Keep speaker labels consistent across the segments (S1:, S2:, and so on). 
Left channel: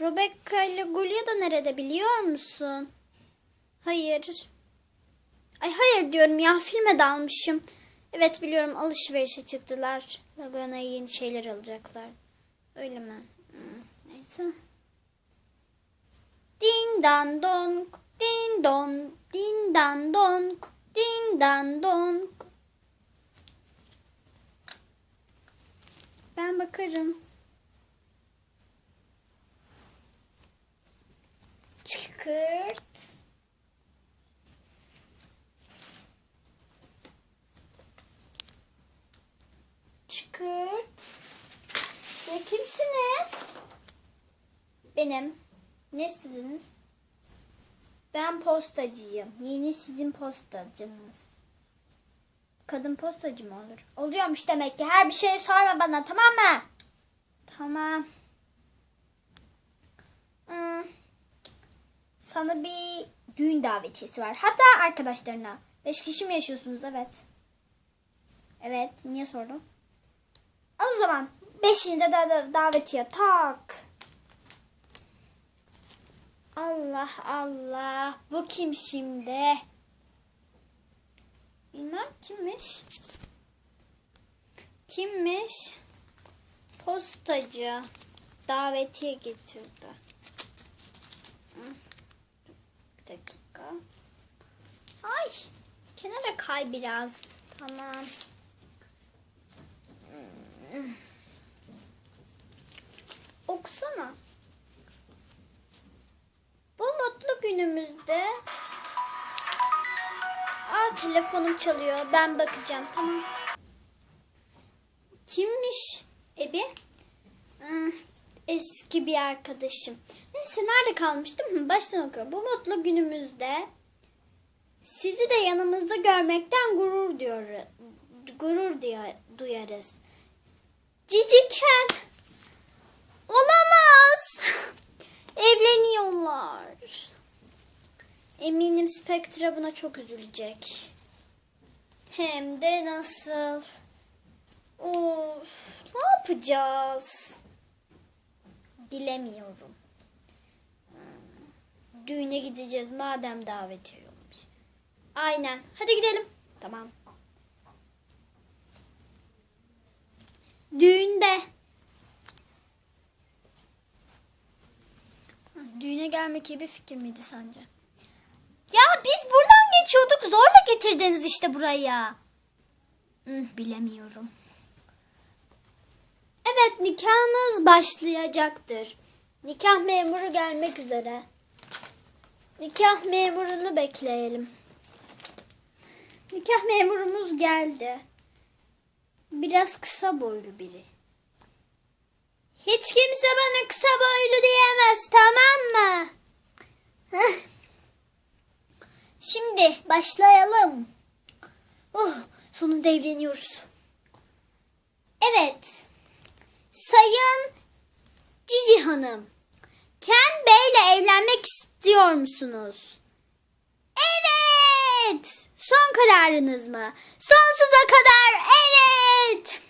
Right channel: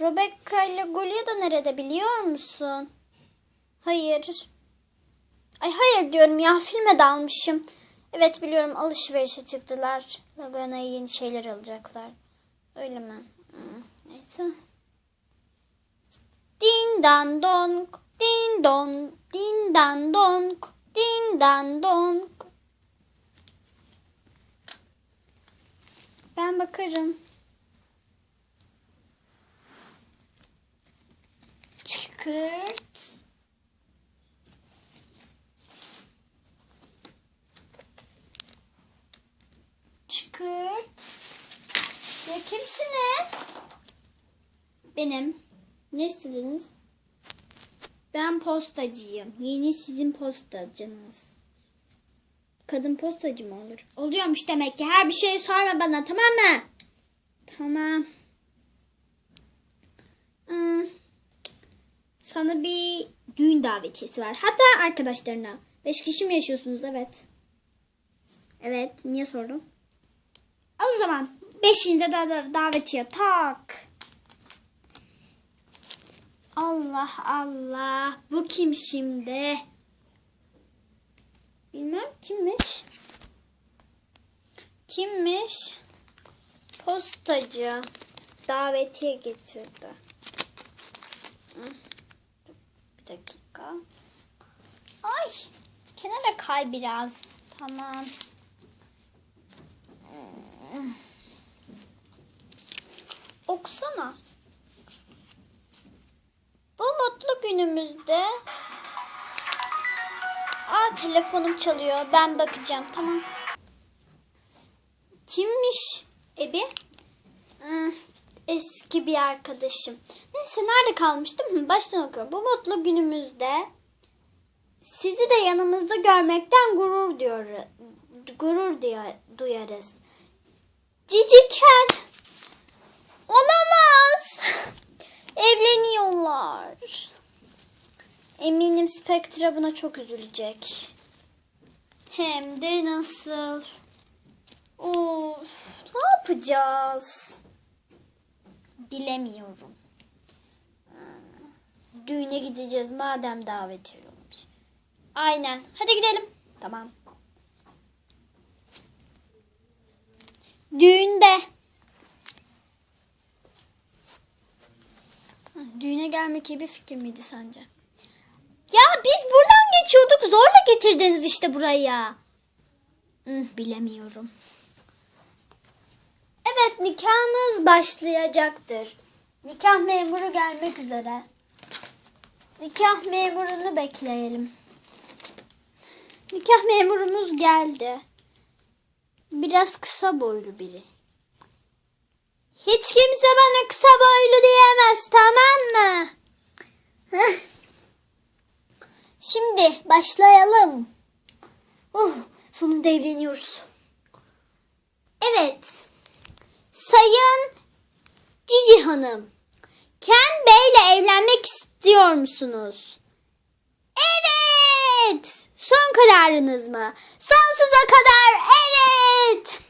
S1: Rebecca ile Gulya da nerede biliyor musun? Hayır. Ay hayır diyorum ya filme dalmışım. Evet biliyorum alışverişe çıktılar. Lagoona'ya yeni şeyler alacaklar. Öyle mi? Neyse. Din dan don, din don, din dan don, din dan don. Ben bakarım. Çıkırt. Çıkırt. Ne kimsiniz? Benim. Ne istediniz? Ben postacıyım. Yeni sizin postacınız. Kadın postacı mı olur? Oluyormuş demek ki. Her bir şeyi sorma bana tamam mı? Tamam. Hmm. Sana bir düğün davetiyesi var. Hatta arkadaşlarına. Beş kişi mi yaşıyorsunuz? Evet. Evet. Niye sordun? Al o zaman. Beşinci de da davetiye tak. Allah Allah. Bu kim şimdi? Bilmem kimmiş. Kimmiş? Postacı. Davetiye getirdi. Bir dakika. Ay. Kenara kay biraz. Tamam. Okusana. Bu mutlu günümüzde Aa telefonum çalıyor. Ben bakacağım. Tamam. Kimmiş Ebi? Eski bir arkadaşım. Neyse nerede kalmıştım? Baştan okuyorum. Bu mutlu günümüzde sizi de yanımızda görmekten gurur diyor, gurur diyor, duyarız. Ciciken olamaz. Evleniyorlar. Eminim Spectra buna çok üzülecek. Hem de nasıl? Of, ne yapacağız? Bilemiyorum. Düğüne gideceğiz madem davet ediyormuş. Aynen. Hadi gidelim. Tamam. Düğünde. Düğüne gelmek iyi bir fikir miydi sence? Ya biz buradan geçiyorduk zorla getirdiniz işte buraya. Hı, bilemiyorum. Evet nikahınız başlayacaktır. Nikah memuru gelmek üzere. Nikah memurunu bekleyelim. Nikah memurumuz geldi. Biraz kısa boylu biri. Hiç kimse bana kısa boylu diyemez tamam mı? Şimdi başlayalım. Uh, sonunda evleniyoruz. Evet. Sayın Cici Hanım. Ken Bey'le evlenmek istiyor musunuz? Evet. Son kararınız mı? Sonsuza kadar evet.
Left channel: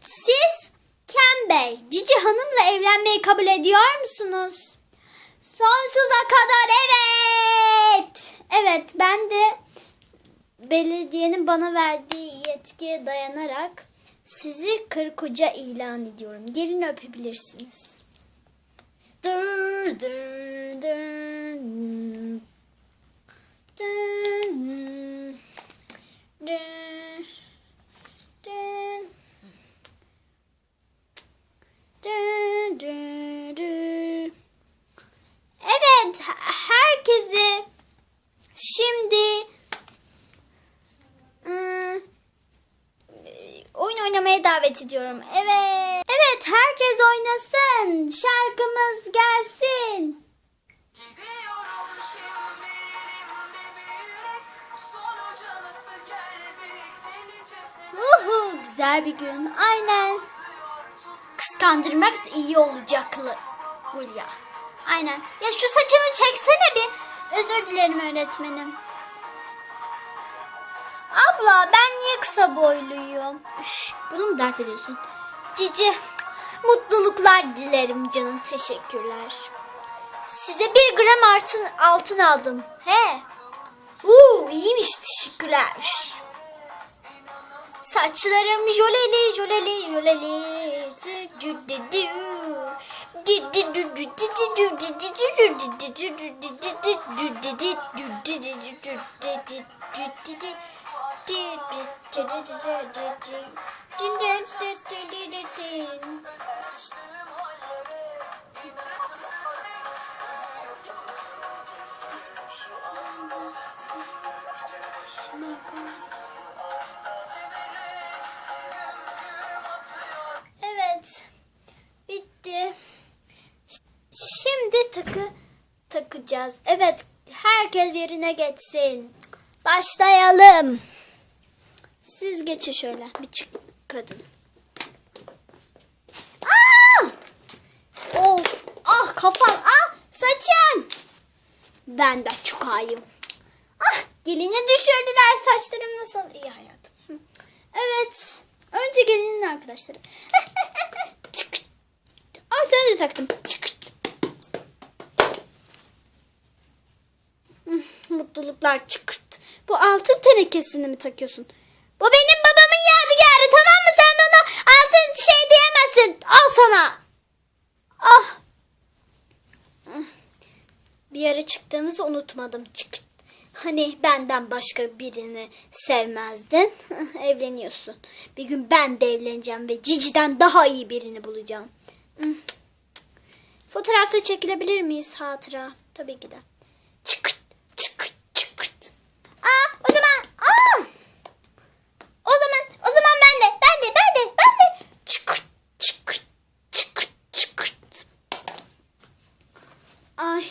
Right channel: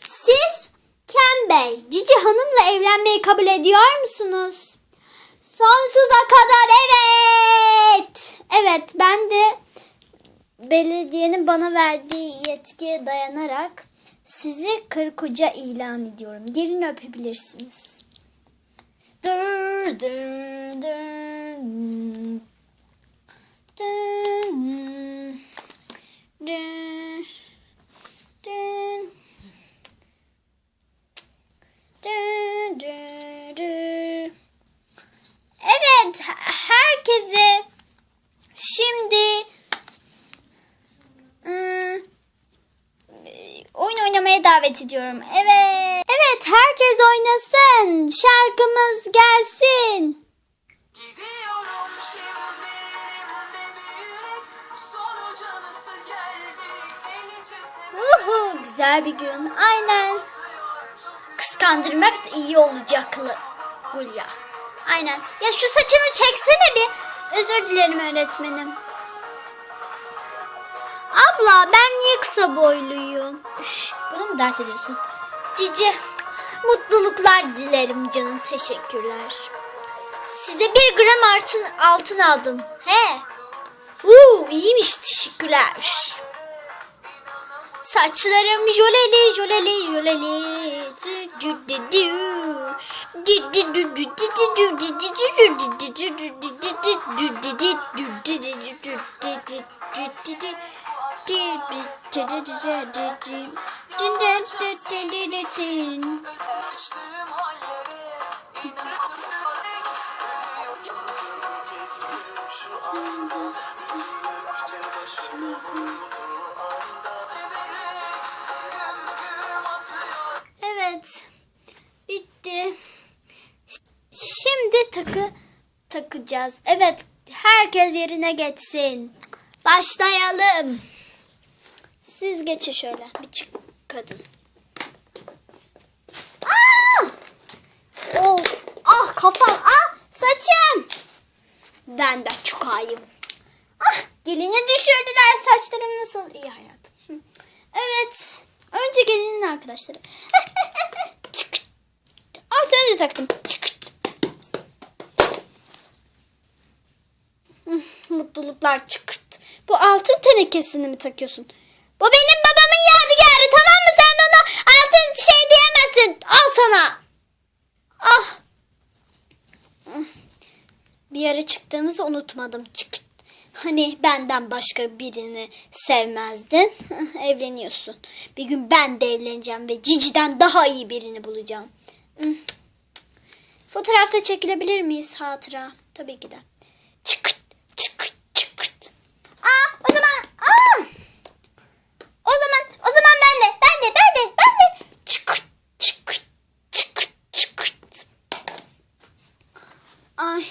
S1: Siz Ken Bey, Cici Hanım'la evlenmeyi kabul ediyor musunuz? Sonsuza kadar evet. Evet ben de belediyenin bana verdiği yetkiye dayanarak sizi karı koca ilan ediyorum. Gelin öpebilirsiniz. Dur, dur, dur dur, dur. Dur, dur, dur. Evet, herkese şimdi ım, oyun davet ediyorum. Evet. Evet, herkes oynasın. Şarkımız gelsin. Uhu, güzel bir gün. Aynen. Kıskandırmak da iyi olacak Hulya. Aynen. Ya şu saçını çeksene bir. Özür dilerim öğretmenim. Abla ben niye kısa boyluyum? Üf, bunu mu dert ediyorsun? Cici mutluluklar dilerim canım teşekkürler. Size bir gram altın, altın aldım. He. Uuu iyiymiş teşekkürler. Saçlarım jöleli jöleli jöleli.
S2: Düştüğüm hallere inanamıyorum Ölüyor yalnız şu anda Güm atıyor
S1: Evet. Bitti. Şimdi takı takacağız. Evet. Herkes yerine geçsin. Başlayalım. Siz geçin şöyle. Bir çık kadın. Aa! Oh, ah kafam. Ah saçım. Ben de çukayım. Ah gelini düşürdüler. Saçlarım nasıl? iyi hayatım. Hı. Evet. Önce gelinin arkadaşları. Çık. Az önce taktım. Çık. Hı, Mutluluklar çıkırt. Bu altın tenekesini mi takıyorsun? Bu benim babamın yadigarı tamam mı? Sen bana altın şey diyemezsin. Al sana. Ah. Bir yere çıktığımızı unutmadım. Çık. Hani benden başka birini sevmezdin. Evleniyorsun. Bir gün ben de evleneceğim ve Cici'den daha iyi birini bulacağım. Hmm. Fotoğrafta çekilebilir miyiz hatıra? Tabii ki de. Çıkırt, çıkırt, çıkırt. Aa, o zaman, aa. O zaman, o zaman ben de, ben de, ben de, ben de. Çıkırt, çıkırt, çıkırt, çıkırt. Ay.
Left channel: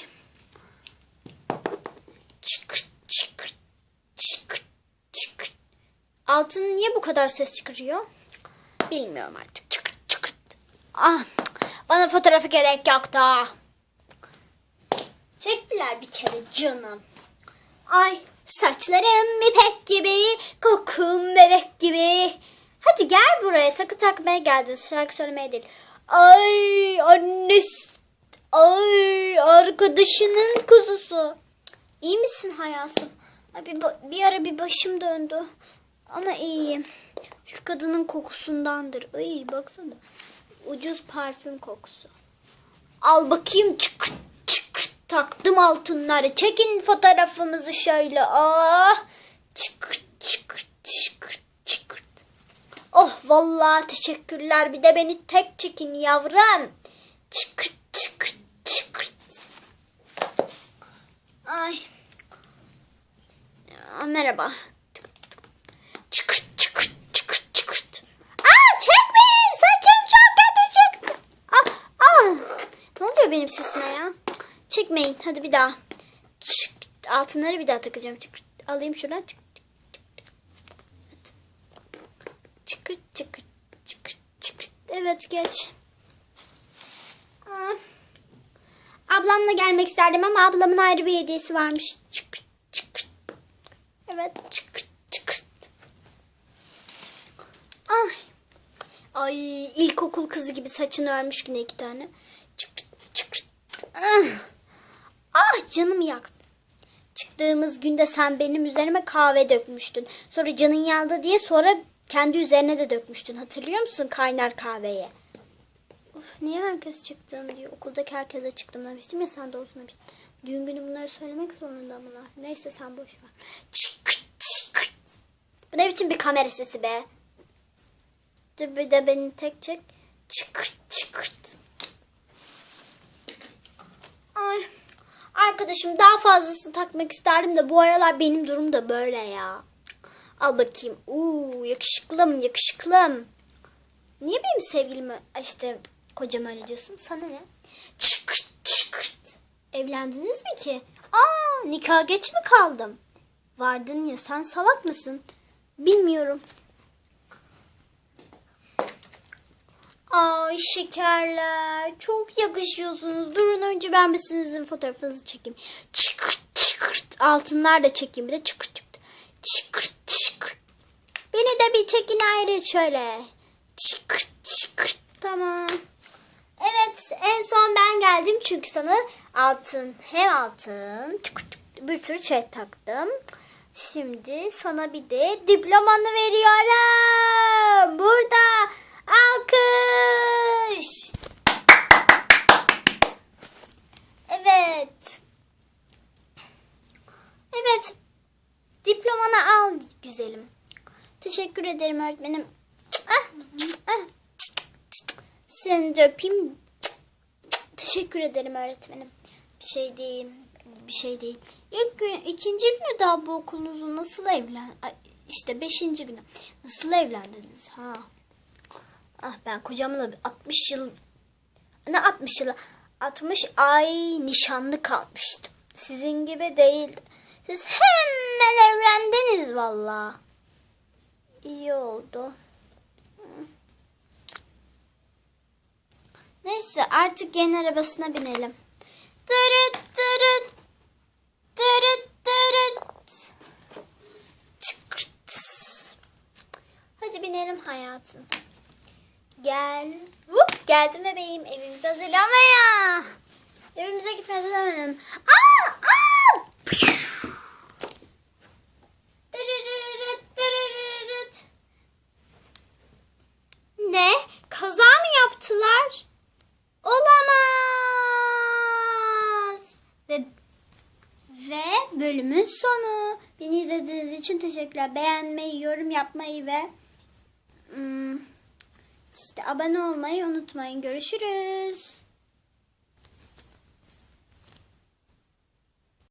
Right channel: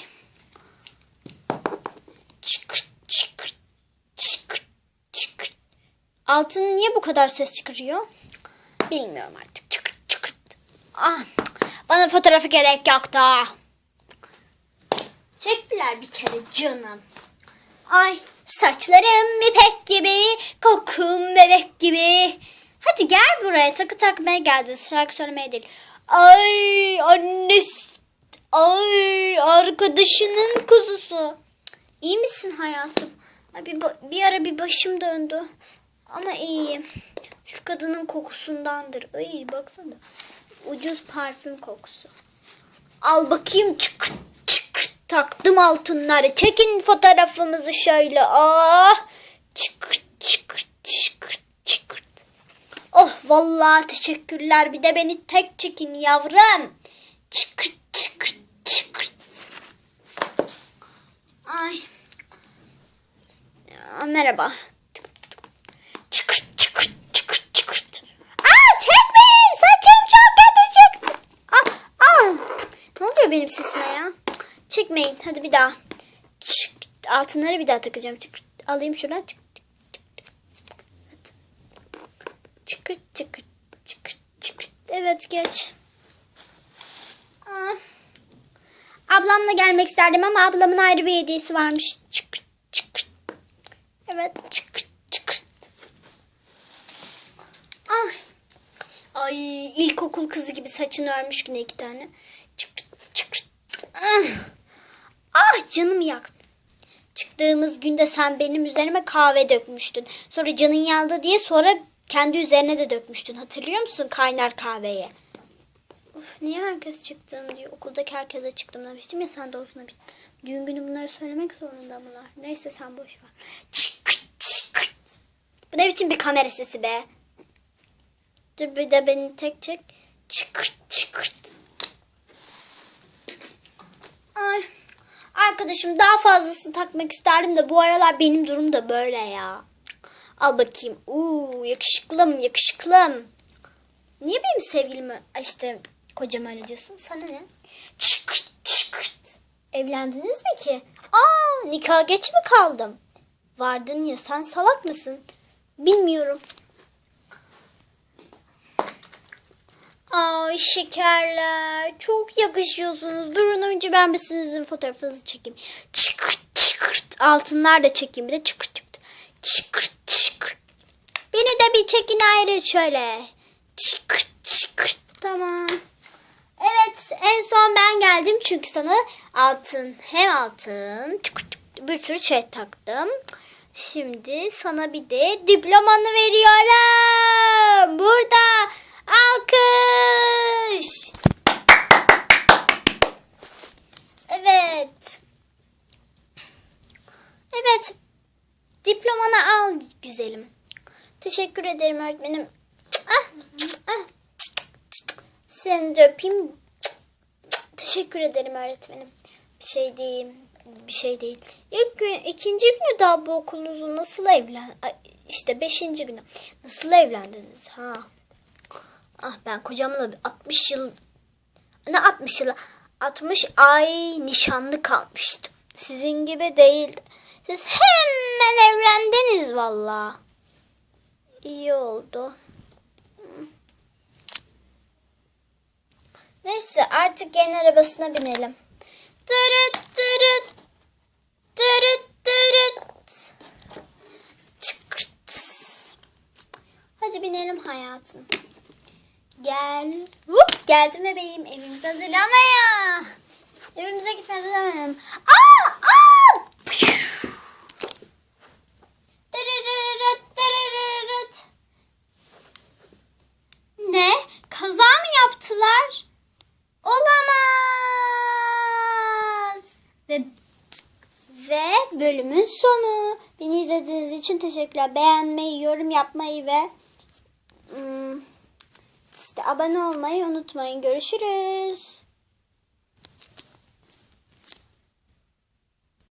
S1: Çıkırt, çıkırt, çıkırt, çıkırt. Altın niye bu kadar ses çıkarıyor? Bilmiyorum artık. Çıkırt, çıkırt. Ah, bana fotoğrafı gerek yok da. Çektiler bir kere canım. Ay saçlarım ipek gibi, kokum bebek gibi. Hadi gel buraya takı takmaya geldin şarkı söylemeye değil. Ay annesi, ay arkadaşının kuzusu. İyi misin hayatım? Bir, bir ara bir başım döndü. Ama iyiyim. Şu kadının kokusundandır. Ay baksana. Ucuz parfüm kokusu. Al bakayım çıkırt. Taktım altınları. Çekin fotoğrafımızı şöyle. Ah. Çıkırt çıkırt çıkırt çıkırt. Oh vallahi teşekkürler. Bir de beni tek çekin yavrum. Çıkırt çıkırt çıkırt. Ay. Aa, Merhaba. Çıkırt çıkırt çıkırt çıkırt. Aa çekmeyin saçım çok kötü çık. Aa, aa. Ne oluyor benim sesime ya? Çekmeyin hadi bir daha. Çık. Altınları bir daha takacağım. Çıkırt. Alayım şuradan. Çık. Çıkırt çıkırt çıkırt çıkırt. Evet geç. Aa. Ablamla gelmek isterdim ama ablamın ayrı bir hediyesi varmış. Çıkırt çıkırt. Evet çıkırt çıkırt. Ay. Ay ilkokul kızı gibi saçını örmüş yine iki tane. Çıkırt çıkırt. Ah, ah canım yaktı. Çıktığımız günde sen benim üzerime kahve dökmüştün. Sonra canın yandı diye sonra kendi üzerine de dökmüştün. Hatırlıyor musun kaynar kahveyi? Of, niye herkes çıktım diyor. Okuldaki herkese çıktım demiştim ya sen de olsun demiştin. Düğün günü bunları söylemek zorunda bunlar. Neyse sen boş ver. Bu ne biçim bir kamera sesi be? Dur bir de beni tek çek. Çıkırt çıkırt. Ay. Arkadaşım daha fazlasını takmak isterdim de bu aralar benim durum da böyle ya. Al bakayım. Uuu yakışıklım yakışıklım. Niye benim sevgilime işte kocam öyle diyorsun? Sana ne? Çıkırt çıkırt. Evlendiniz mi ki? Aa nikah geç mi kaldım? Vardın ya sen salak mısın? Bilmiyorum. Ay şekerler. Çok yakışıyorsunuz. Durun önce ben bir sizin fotoğrafınızı çekeyim. Çıkırt çıkırt. Altınlar da çekeyim. Bir de çıkırt çıkırt. Çıkırt çıkırt. Beni de bir çekin ayrı şöyle. Çıkırt çıkırt. Tamam. Evet en son ben beğendim çünkü sana altın hem altın çık çık bir sürü şey taktım. Şimdi sana bir de diplomanı veriyorum. Burada alkış. Evet. Evet. Diplomanı al güzelim. Teşekkür ederim öğretmenim. Ah, ah. Seni de. Teşekkür ederim öğretmenim. Bir şey değil. Bir şey değil. İlk gün, ikinci günü daha bu okulunuzun nasıl evlen... İşte beşinci günü. Nasıl evlendiniz ha? Ah ben kocamla bir 60 yıl... Ne 60 yıl? 60 ay nişanlı kalmıştım. Sizin gibi değildim. Siz hemen evlendiniz valla. İyi oldu. Neyse artık yeni arabasına binelim. Tırıt tırıt. Tırıt tırıt. Çıkırt. Hadi binelim hayatım. Gel. Hop, geldim bebeğim. Evimize hazırlanmaya. Evimize gitmeye hazırlanmayalım. Aa! Aa! Tırırırırt, tırırırırt. Ne? Kaza mı yaptılar? Olamaz. Ve ve bölümün sonu. Beni izlediğiniz için teşekkürler. Beğenmeyi, yorum yapmayı ve ım, işte abone olmayı unutmayın. Görüşürüz.